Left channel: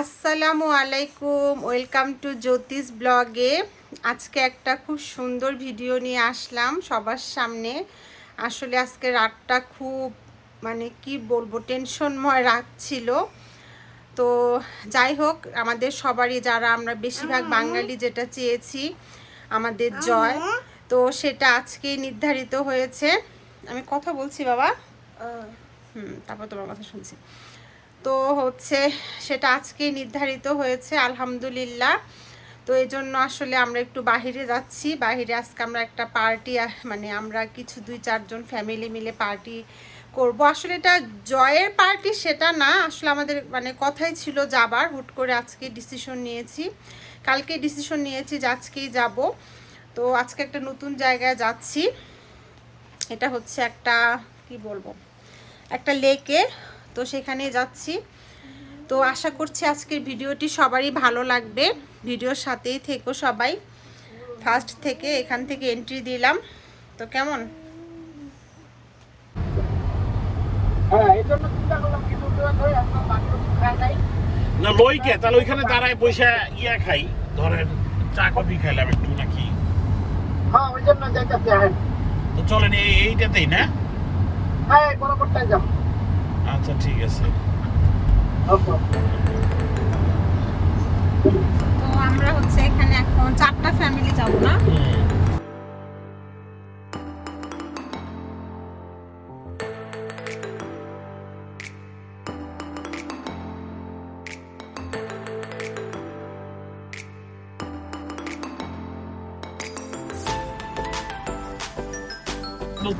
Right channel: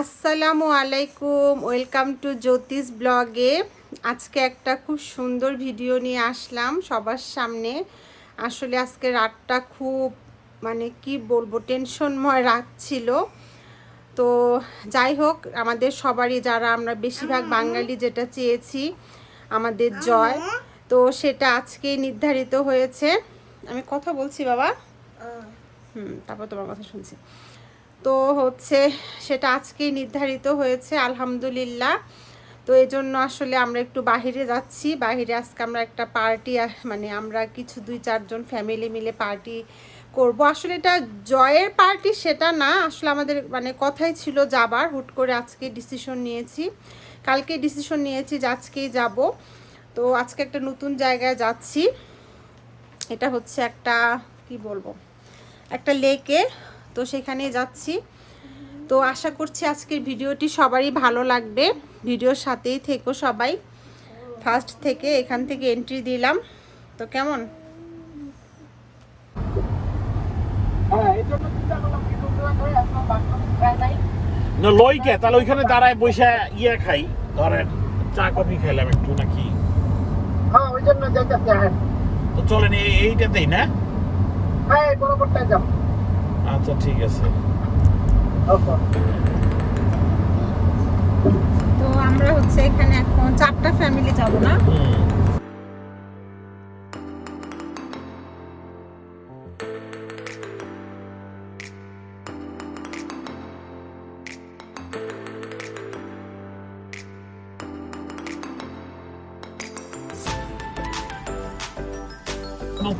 আসসালামু আলাইকুম welcome to জ্যোতিষ ব্লগে। আজকে একটা খুব সুন্দর ভিডিও নিয়ে আসলাম সবার সামনে। আসলে আজকে রাতটা খুব মানে কি বলব টেনশনময় রাত ছিল। তো যাই হোক আমাদের সবারই যারা আমরা বেশিরভাগ বাঙালি যেটা চেয়েছি আমাদের জয়। তো সেটা আজকে নির্ধারিত হয়েছে। আমি কথা বলছি বাবা? হুম তারপর তোমার কথা শুনছি। তো হচ্ছে সেটা আজকেই নির্ধারিত হয়েছে, আলহামদুলিল্লাহ। তো এই জন্য আসলে আমরা একটু বাহিরে যাচ্ছি। বাহিরে আজকে আমরা একটা পার্টি মানে আমরা কিছু দুই চারজন ফ্যামিলি মিলে পার্টি করব। আসলে এটা জয়ের পার্টি সেটা না, আসলে আমাদের মানে কথাই ছিল যাবার, হুট করে আজকে ডিসিশন নিয়েছি। কালকে ডিসিশন নিয়েছি যে আজকেই যাব। তো আজকে একটা নতুন জায়গায় যাচ্ছি। এটা হচ্ছে একটা, কি বলব, একটা লেকে তো সেখানে যাচ্ছি। তো আশা করছি আজকের ভিডিওটি সবারই ভালো লাগবে। ভিডিওর সাথেই থেকো সবাই। ফার্স্ট থেকে এখান থেকে এন্ট্রি দিলাম। তো কেমন? না লইকে তাহলে ওইখানে দাঁড়ায় বসে ইয়া খাই। ধরেন চা কফি খাইলাম একটু নাকি। হ্যাঁ ওই জন্য যাইতেছি হ্যাঁ তো চলেন এই- এইটাতেই না? হ্যাঁ বরাবরটাই যাও আচ্ছা ঠিক আছে। তো আমরা হচ্ছে এখানে এখন চারটা ফ্যামিলি যাব না?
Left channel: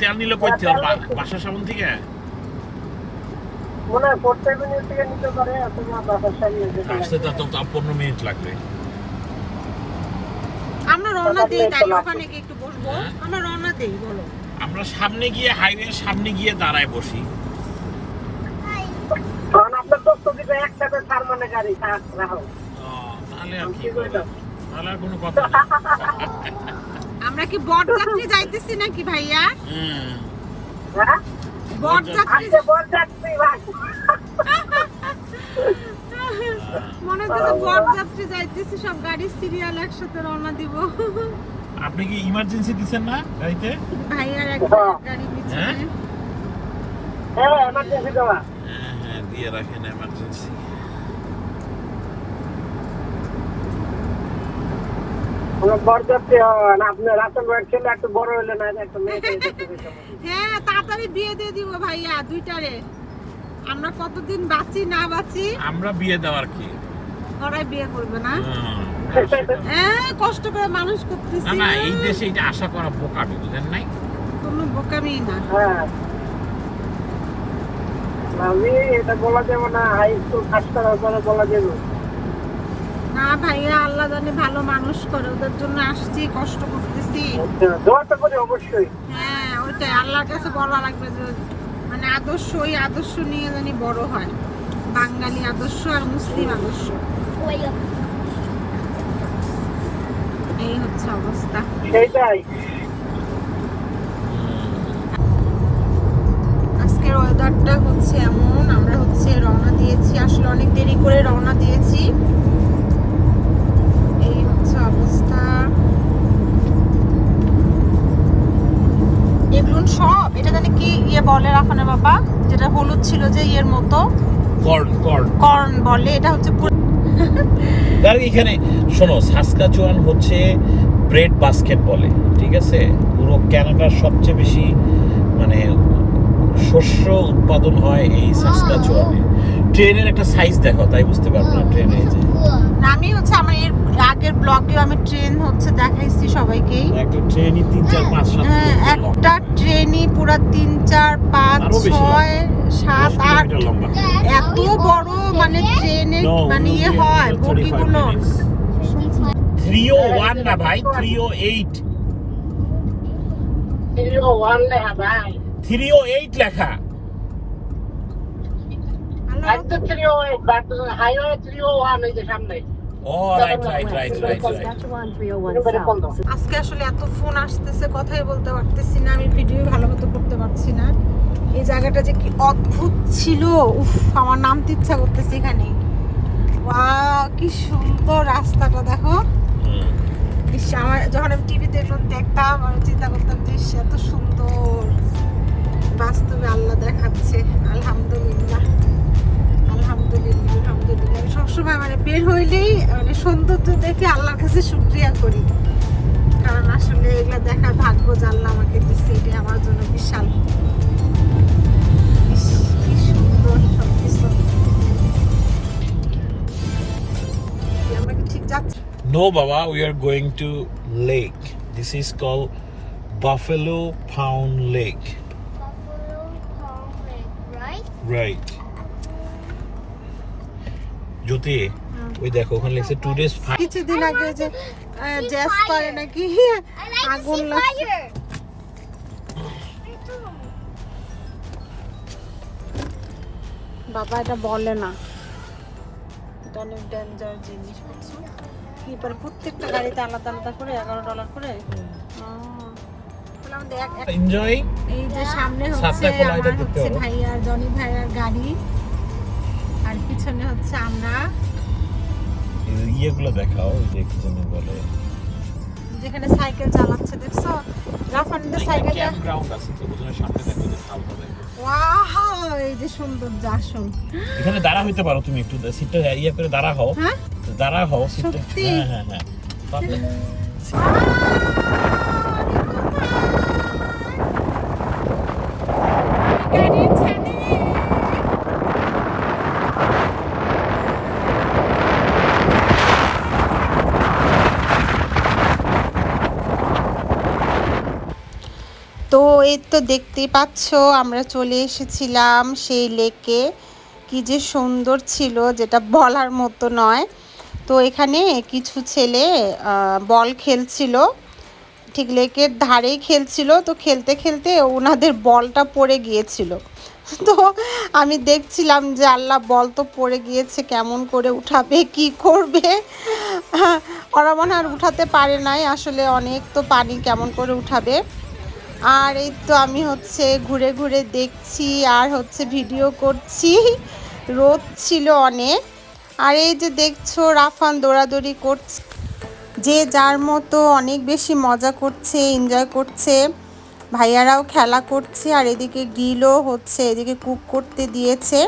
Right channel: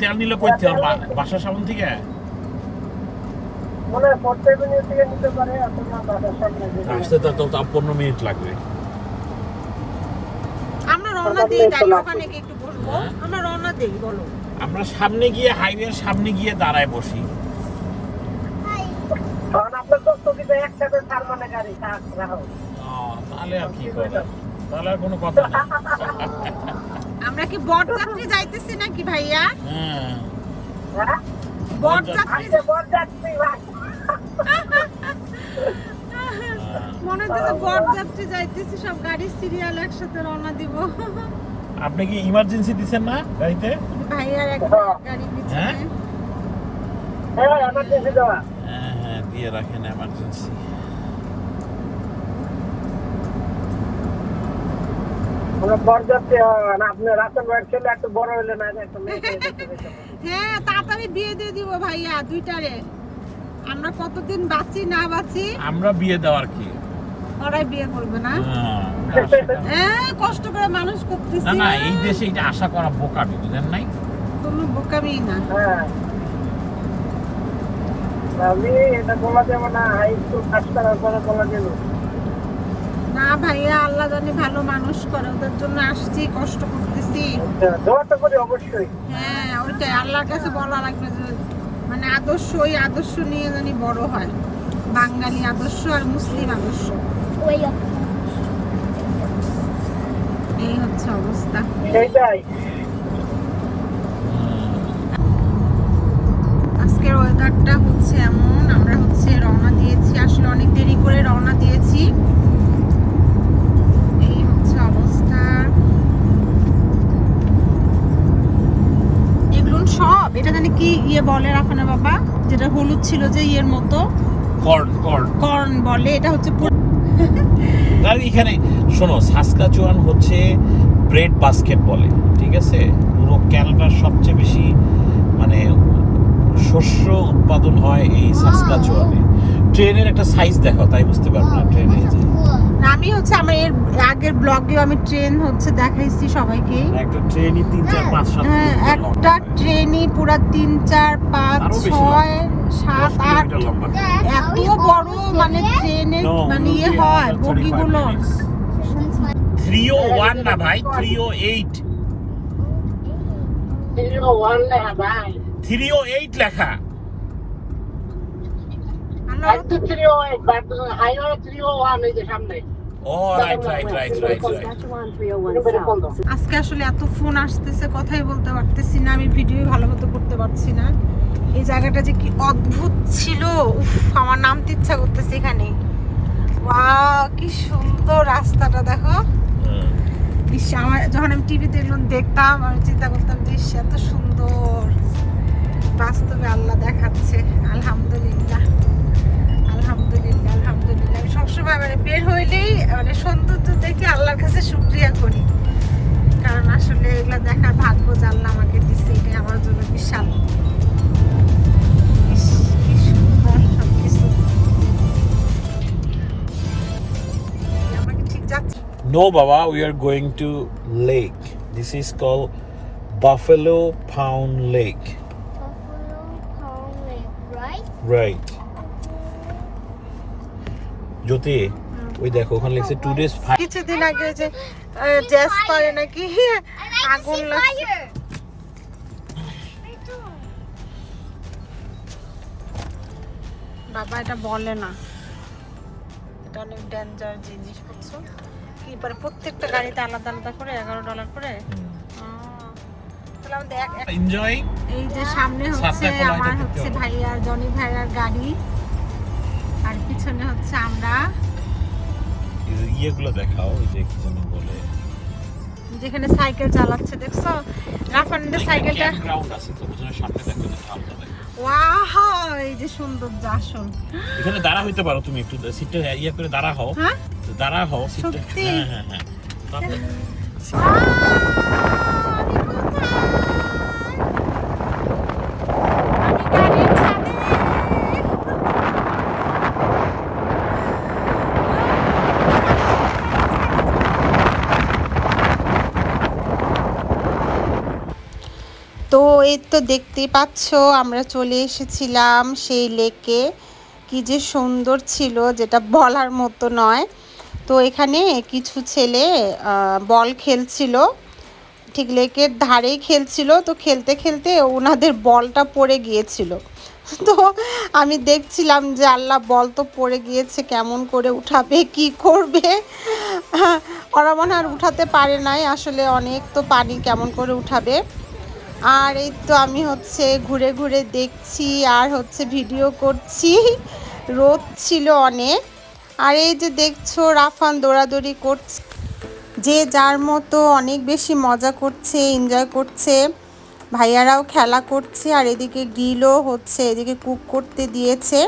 তেল নিলে কইতে হবে বাসার সামন থেকে মনে হয় ফোর্থ মিনিট থেকে নিতে পারে আর তোমার বাসার সামনে যেতে আসতে তো তো পনেরো মিনিট লাগবে। আমরা রওনা দিই তাই ওখানে গিয়ে একটু বসবো। হ্যাঁ। আমরা রওনা দিই বলো। আমরা সামনে গিয়ে হাইওয়ের সামনে গিয়ে দাঁড়ায় বসি। কারণ আপনার তো স্থগিত একসাথে তার মানে গাড়ি থাক রাখো ও, তাহলে আর কি করে তাহলে আর কোনো কথা আমরা কি বরযাত্রী যাইতেছি নাকি ভাইয়া? হুম। হ্যাঁ? বরযাত্রী আজকে বর যাচ্ছি ভাই। মনে হচ্ছে বরযাত্রী যাইতেছি সব গাড়ির সিরিয়াল একসাথে রওনা দিব। আপনি কি ইমার্জেন্সি না গাড়িতে? ভাইয়ার এক গাড়ি নিচ্ছে হ্যাঁ? হ্যাঁ এমার্জেন্সি দেওয়া। হ্যাঁ হ্যাঁ দিয়ে রাখেন একটু একটা পেতাম। হ্যাঁ তাড়াতাড়ি বিয়ে দিয়ে দিব ভাইয়া দুইটারে। আমরা কতদিন বাঁচি না বাঁচি? আমরা বিয়ে দেওয়ার কি? ওরাই বিয়ে করবে না? হ্যাঁ। কষ্ট করে মানুষ করতেছি। না এই দেশে এটা আশা করা বোকামি বুঝেন নাই? কোনো বোকামি না। হ্যাঁ। আমি এটা বলা যাব না হাই স্কুল পাস করার পরে বলা যাব। না ভাইয়া আল্লাহ জানি ভালো মানুষ করে ওদের জন্য আসছি কষ্ট করতেছি। আচ্ছা, দোয়াটা করি অবশ্যই। হ্যাঁ ওইটাই আল্লাহর কাছে বলা লাগবে যে আদর্শ ওই আদর্শ নিয়ে জানি বড় হয়। বাঙালি আদর্শ আর মুসলিম আদর্শ। এই হচ্ছে অবস্থা। আজকের ওয়েদারটা হচ্ছে এমন আমরা হচ্ছে রওনা দিয়েছি। আসলে অনেক দেরি করে রওনা দিয়েছি। এগুলো সব? এটা জানি কি ইয়ে বলে রাখানে বাবা? যেটা হলুদ ছিল যে ইয়ের মতো? Corn corn. কর্ন বলে এটা হচ্ছে তার এখানে শোনো সাসকাচুয়ান হচ্ছে ব্রেড বাস্কেট বলে ঠিক আছে? পুরো ক্যানাডার সবচেয়ে বেশি মানে শস্য উৎপাদন হয় এই সাসকাচুয়ানে। ট্রেনের একটা সাইজ দেখো তাই বুঝতে পারব না ট্রেনে যে। আমি হচ্ছে আমার এর আগের ব্লগেও আমি ট্রেন হচ্ছে দেখাইছি সবাইকে। একটা ট্রেনই তিন চার পাঁচ সাত হ্যাঁ, কিলোমিটার লম্বা। একটা ট্রেনই পুরো তিন চার পাঁচ আরও বেশি ছয় দশ সাত আট। এত বড় মানে ট্রেনের মানে ইয়ে হয় after 35 বগিগুলো minutes. 301 না ভাই 308 জিরো ওয়ান লেখা ভাই 308 লেখা। হাই তো three O eight but highway three O one ওই যে সামনে। আজকে আসলে এত ফোন আসতেছে কথাই বলতে পারতেছি না আমি ভিডিও ভালো মতো করতে পারছি না। এই জায়গাটা যে কি অদ্ভুত ছিল উফ আমার নামতে ইচ্ছা করতেছে এখানে। কি সুন্দর রাস্তাটা দেখো। আমার যখন আমি টিভিতে এগুলো দেখতাম আমি চিন্তা করতাম যে এত No, Baba, we are going to lake. This is called Buffalo Pound Lake. Buffalo Pound Lake, right? Right. জ্যোতি ওই দেখো ওখানে লিখছে টুরিস্ট কিছুদিন আগে যে জ্যাস পারে নাকি আগুন লাগছে বাবা এটা বলে না এটা অনেক ডেঞ্জার জিনিস বুঝছ কি পারে প্রত্যেকটা গাড়িতে আলাদা আলাদা করে এগারো ডলার করে? এনজয় এই যে সামনে হচ্ছে আমার হচ্ছে। ভাইয়ার জনি ভাইয়ার গাড়ি। আর পিছনে হচ্ছে আমরা। ইয়েগুলো দেখাও যে কি যেন বলে। যেখানে সাইকেল চালাচ্ছে দেখছ? রাফানের সাইকেলটা আছে তো সামনে হালকা এই যে সুন্দর আসল। এখানে দাঁড়া হইতে পারো তুমি একটু সিটটা ইয়ে করে দাঁড়া হও। হ্যাঁ? দাঁড়া হও সত্যি? হ্যাঁ হ্যাঁ হ্যাঁ। তো এই তো দেখতেই পাচ্ছ, আমরা চলে এসেছিলাম সেই লেকে। কি যে সুন্দর ছিল, যেটা বলার মতো নয়। তো এখানে কিছু ছেলে বল খেলছিল। ঠিক লেকের ধারেই খেলছিল, তো খেলতে খেলতে ওনাদের বলটা পড়ে গিয়েছিল। তো আমি দেখছিলাম যে আল্লাহ, বল তো পড়ে গিয়েছে, কেমন করে উঠাবে, কি করবে? ওরা মনে আর উঠাতে পারে নাই, আসলে অনেক তো পানি কেমন করে উঠাবে। আর এই তো আমি হচ্ছে ঘুরে ঘুরে দেখছি আর হচ্ছে ভিডিও করছি। রোদ ছিল অনেক। আর এই যে দেখছ, রাফান দৌড়াদৌড়ি করছে। যে যার মতো অনেক বেশি মজা করছে এনজয় করছে। ভাইয়ারাও খেলা করছে আর এদিকে গ্রিলও হচ্ছে, এদিকে কুক করতে দিয়েছে।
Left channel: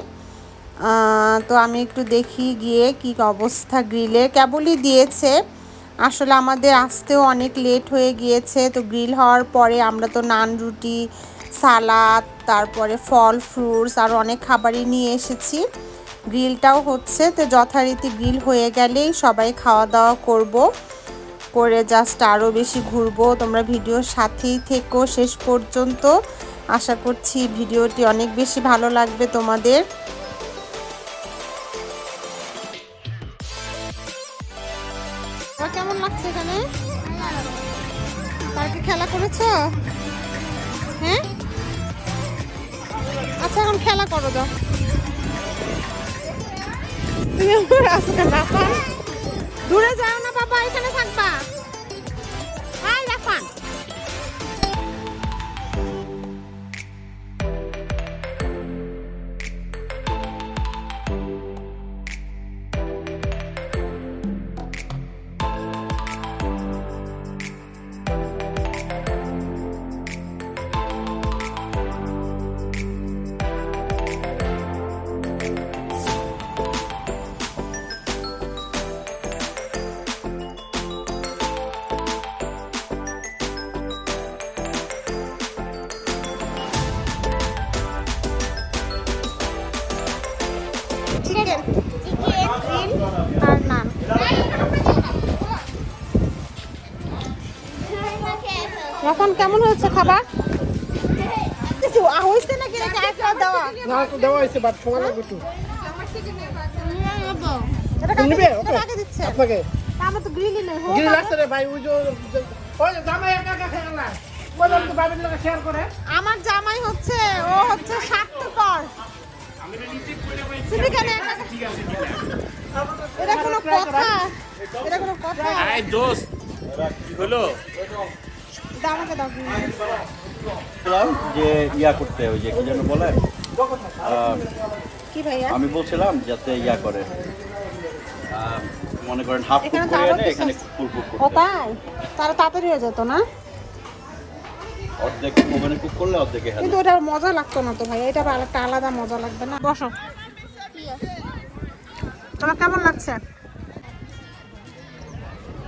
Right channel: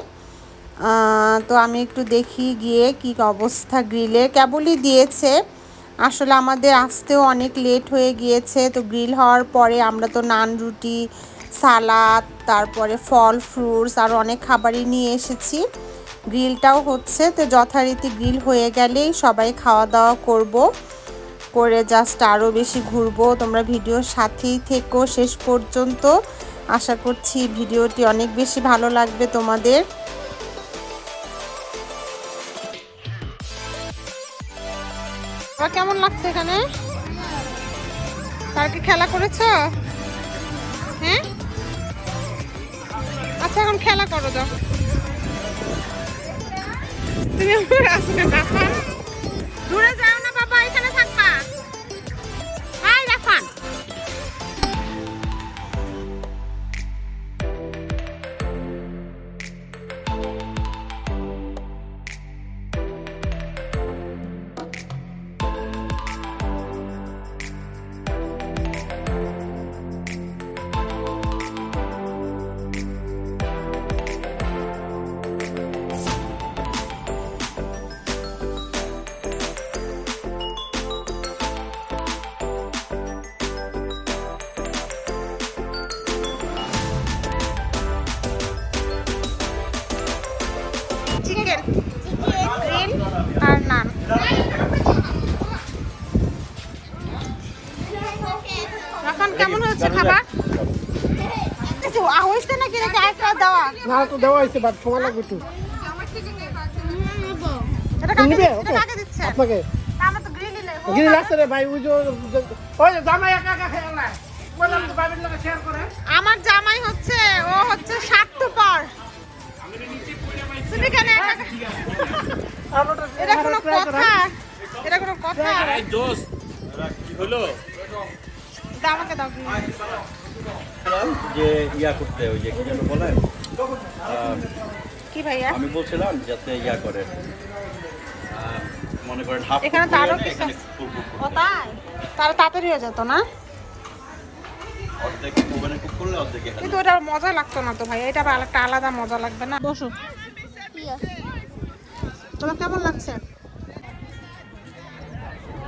তো আমি একটু দেখি গিয়ে কি অবস্থা। গ্রিলে কেবলই দিয়েছে। আসলে আমাদের আসতেও অনেক লেট হয়ে গিয়েছে, তো গ্রিল হওয়ার পরে আমরা তো নান রুটি, সালাদ, তারপরে ফল ফ্রুটস আর অনেক খাবারই নিয়ে এসেছি। গ্রিলটাও হচ্ছে, তো যথারীতি গ্রিল হয়ে গেলেই সবাই খাওয়া দাওয়া করব। করে জাস্ট আরও বেশি ঘুরবো। তোমরা ভিডিওর সাথেই থেকো শেষ পর্যন্ত। আশা করছি ভিডিওটি অনেক বেশি ভালো লাগবে তোমাদের। আর কেমন লাগছে এখানে? কি খেলা করেছ? হ্যাঁ? আচ্ছা এখন খেলা করো দাও। তুমি আসবে দূরে যাও না, বাবা খাবার? কিছু হয়েছে নাকি নাকি আরেকটা দেওয়া? না তো দেওয়া হয়েছে বাট সময় লাগবে একটু এটা কাকে দিচ্ছে? এটা ওকে। কাকে দিচ্ছে? আপনাকে। আমার তো গ্রিলই নেই হোক গিরি রে ভাই ওই যে জামাই খেয়ে না আমার হচ্ছে ও হচ্ছে স্বার্থপর। তুমি কেন এটা কোনো কথা? এটা কোনো কথা? কি হলো? দাও আমাকে দাও বলছিলাম যে ইয়া করতে ওই যে কি যেন বলে? কি ভাইয়া? আমি বলছিলাম যাতে ইয়া করে। মনে করেন হাফ এখানে তো আরও কিছু এখানে আছে। ফুল কুক ও তাই? তারা তাড়াতাড়ি হয়ে যেত না? অর্ধেক ওভেনে কুক করলে অর্ধেক কিন্তু ওটা মজা লাগতো না তো ভাই এটা আলাদা মজা লাগবে না? বসো। তোমার কেমন লাগছে?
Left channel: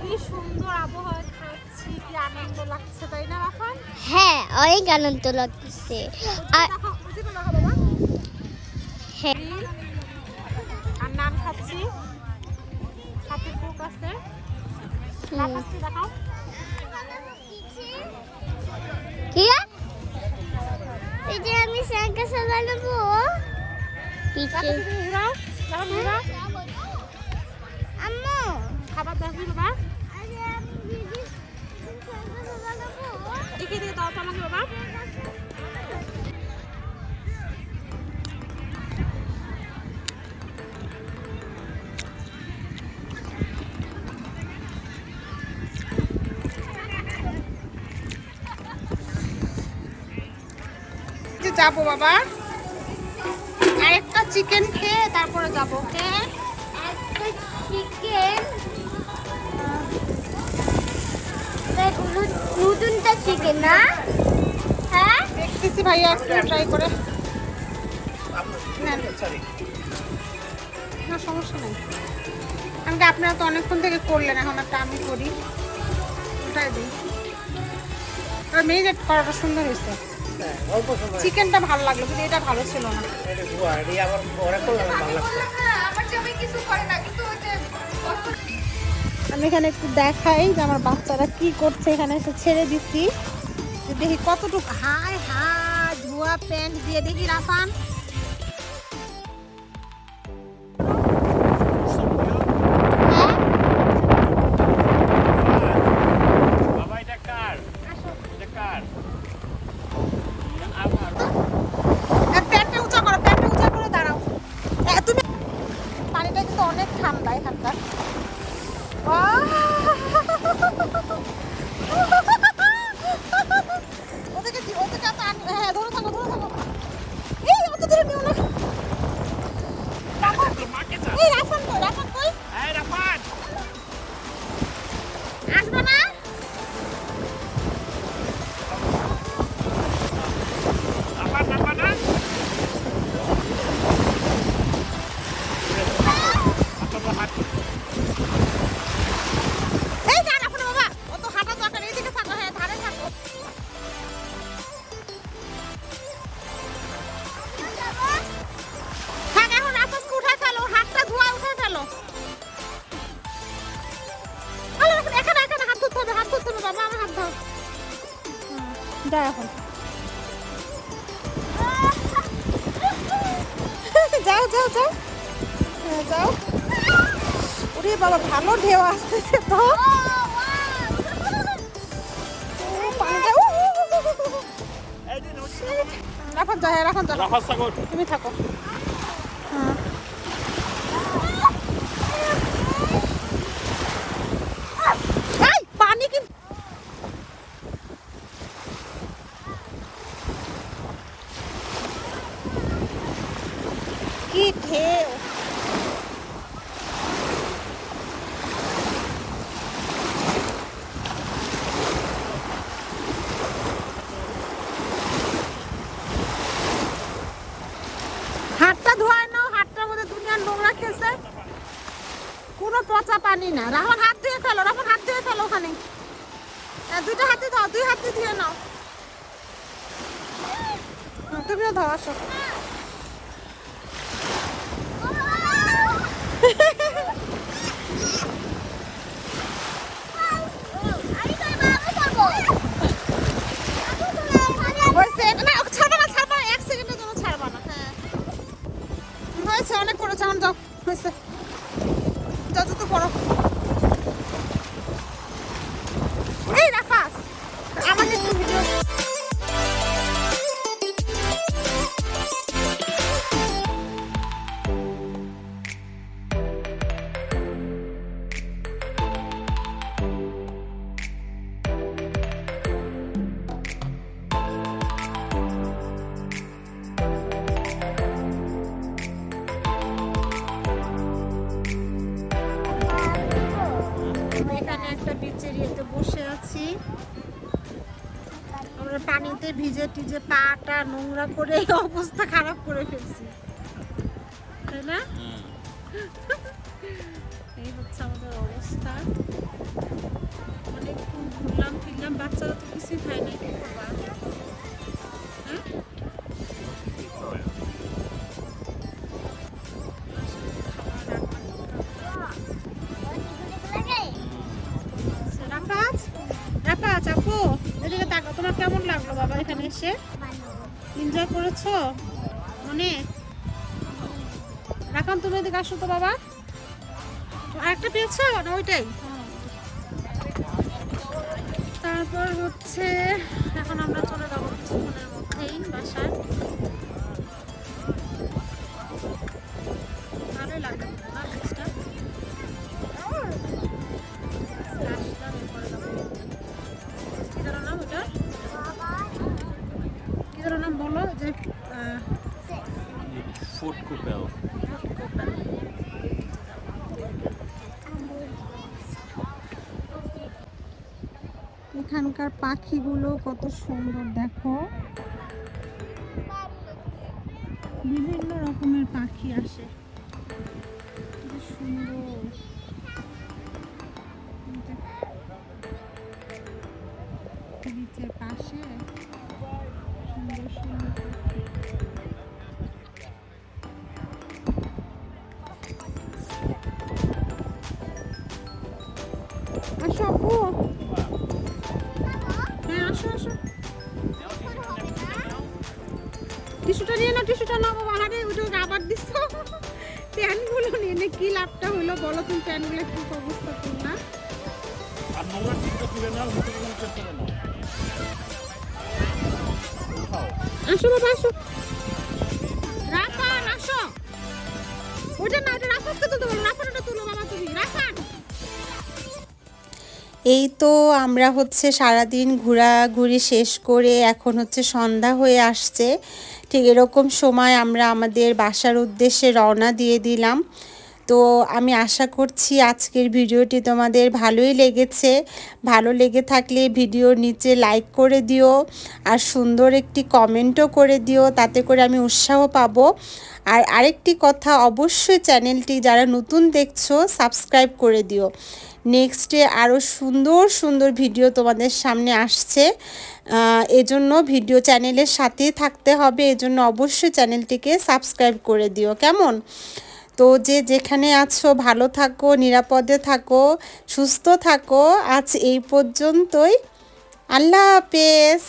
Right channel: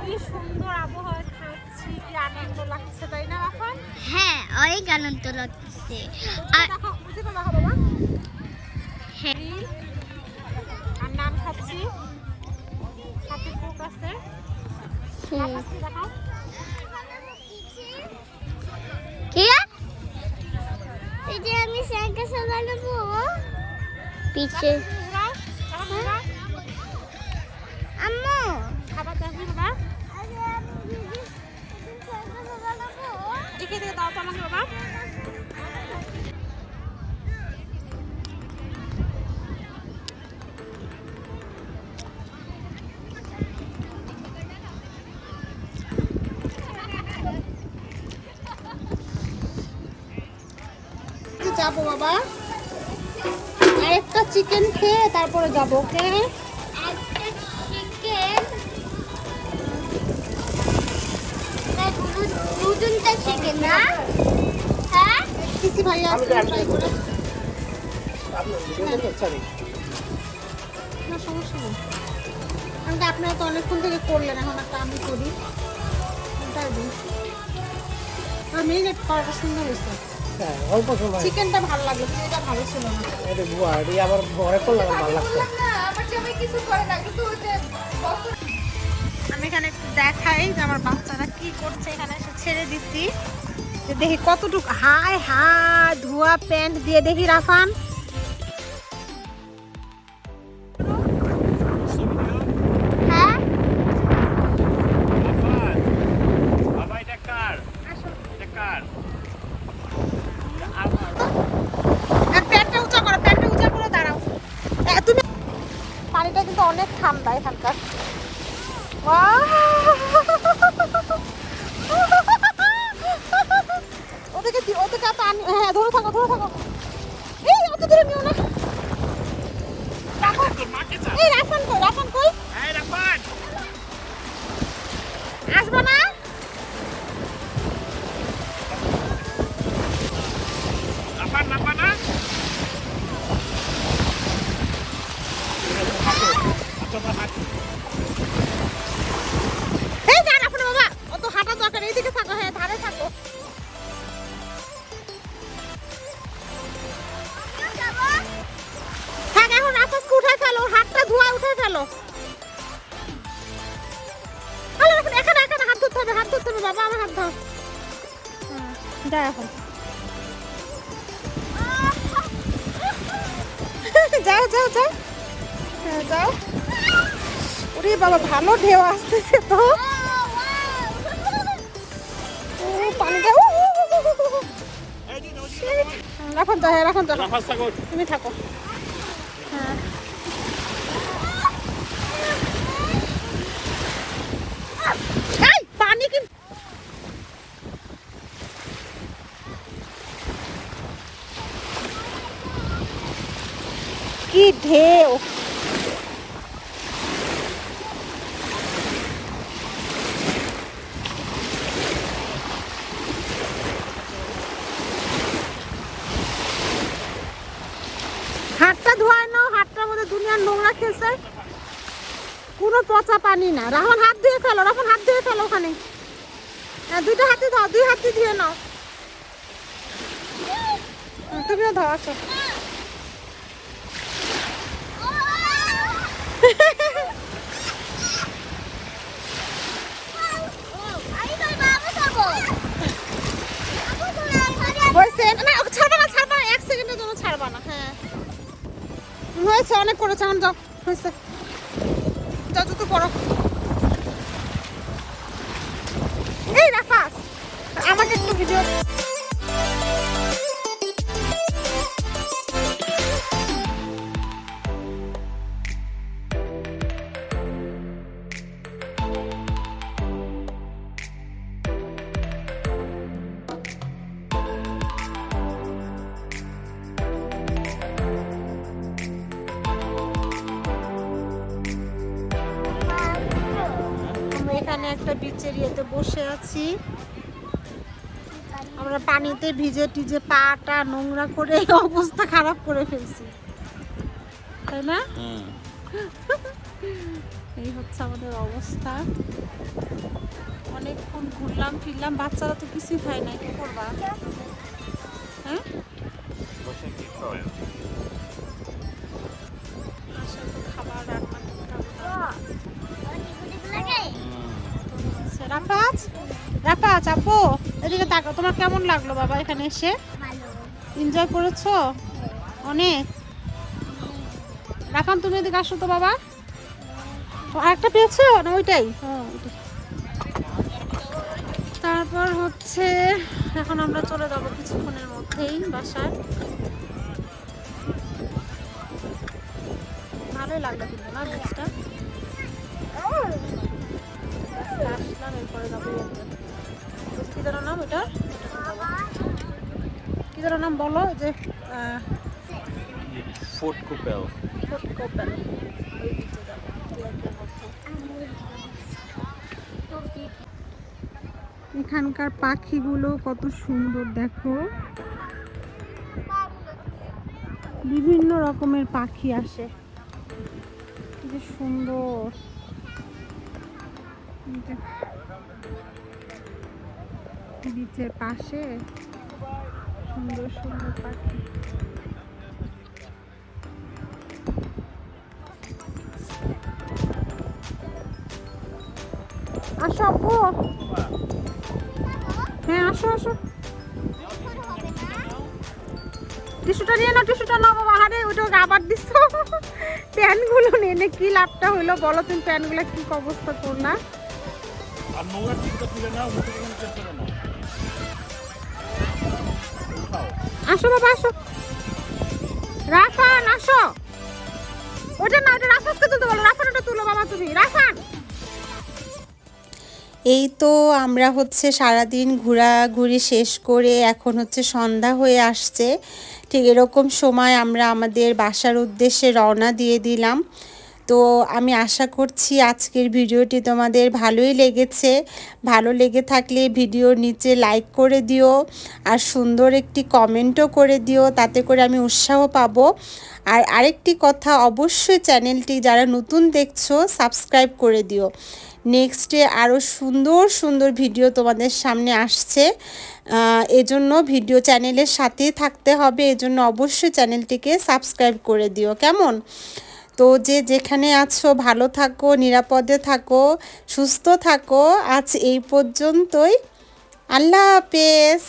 কি সুন্দর আবহাওয়া খাচ্ছি কি আনন্দ লাগছে তাই না এখন হ্যাঁ অনেক আনন্দ লাগছে। আর হ্যাঁ। আর নান খাচ্ছি। সাথে কোক আছে। দেখাও? যে আমি সাইকেল চালাবো পিছে। আম্মু। খাবার দেখবি বাবা আরে আমি দিদি সাইকেল চালাবো দেখে দেখে দাও তো আমাকে বাবা। যাব বাবা। আরেকটা চিকেন খেয়ে তারপরে যাব ওকে নতুনটা চিকেন না? হ্যাঁ? দেখতেছি ভাইয়া ট্রাই করে। হ্যাঁ। না সমস্যা নেই। কারণ কি আপনারা তো অনেকক্ষণ থেকে করলেন এখন একটা আমি করি। উঠাই দিই। আর মেরিনেট করাটা সুন্দর হয়েছে। চিকেনটা ভালো লাগল কিন্তু এটা ভালো ছিল না। আমি এখানে একটু দেখাই যে আমার বাচ্চারা কি করছে এখানে এসে ছেড়ে দিচ্ছি। দেখি কতটুকু হায় হায় ধোয়া প্যান্ট দিয়ে দেখি রাফান। আসব না এই যা এখন। যাও যাও যাও। হ্যাঁ যাও। ওরে বাবা ভালো ঢেউ আসতেছে তো। ও পানিটা. রাখন হ্যাঁ রাখন যাও। তুমি থাকো। হ্যাঁ এই, পানি কিন্তু কি ঢেউ। হাতটা ধোয়ায় নাও, হাতটার মধ্যে দুনিয়ার নোংরা খেলছে কোনো পচা পানি না। রাহমান হাত ধুয়ে ফেলো রাহমান হাত ধুয়ে ফেলো ওখানে। হ্যাঁ দুইটা হাতে দাও দুই হাতে ধুয়ে নাও। তুমিও দাও পানিতে ভিজে টিজে পাটা নোংরা করে এই অবস্থা খারাপ করে ফেলছি। তাই না? এই হচ্ছে আমাদের অবস্থা। অনেকক্ষণ ঘুরলাম ফিরলাম বাচ্চারা তো কিছুই খায় না এখানে এসে? এনজয় করেছ? অনেক। রাফান তুমি এদিকে আসো তো বাবা। আরেকটা পেয়েছ না ওইটাই? হ্যাঁ, তারপর হচ্ছে এখন আমরা চলে যাব কিছুক্ষণের মধ্যেই বাসায়। ভালোই না যে ফোর্ট কুপেল কোপেন এখানকার পাখিগুলো কত সুন্দর দেখো। বিভিন্ন রকমের পাখি আসে। যে সুন্দর। বিচের পাশে সুন্দর সুন্দর পাখি আসো আপু। হ্যাঁ আসো আসো। টিস্যুটা নিয়ে নাও, টিস্যুটা নাও বাবা। হারে ওটা আবার দিস প্যানগুলো নিয়ে নে, কি লাভটা হইল বলো তুমি, প্যানগুলো কি অবস্থা করলা আর নোংরা চেষ্টা করো না। আসো বাবা, আসো। রাফান, আসো। ওটা না, ওটা রাফানকে তুলতে বলো, রাফান ওটা তুলো বাবা তুমি, রাফান। এই তো আমরা হচ্ছে সারাদিন ঘোরাঘুরি শেষ করে এখন হচ্ছে সন্ধ্যা হয়ে আসছে। ঠিক এরকম সময় আমরা আমাদের বাসার উদ্দেশ্যে রওনা দিয়ে দিলাম। তো আমি আশা করছি আজকের ভিডিওটি তোমাদের ভালোই লেগেছে। ভালো লেগে থাকলে ভিডিওর নিচে লাইক করে দিও আর সুন্দর একটি কমেন্টও করে দিও, তাতে করে আমি উৎসাহ পাবো। আর আরেকটি কথা অবশ্যই চ্যানেলটি যারা নতুন দেখছ সাবস্ক্রাইব করে দিও। নেক্সটে আরও সুন্দর সুন্দর ভিডিও তোমাদের সামনে আসছে। এজন্য ভিডিও চ্যানেলের সাথেই থাকতে হবে, এজন্য অবশ্যই চ্যানেলটিকে সাবস্ক্রাইব করে দিও। কেমন? তো যে যেখানে আছো, ভালো থাকো, নিরাপদে থাকো, সুস্থ থাকো, আজ এই পর্যন্তই। আল্লাহ হাফেজ।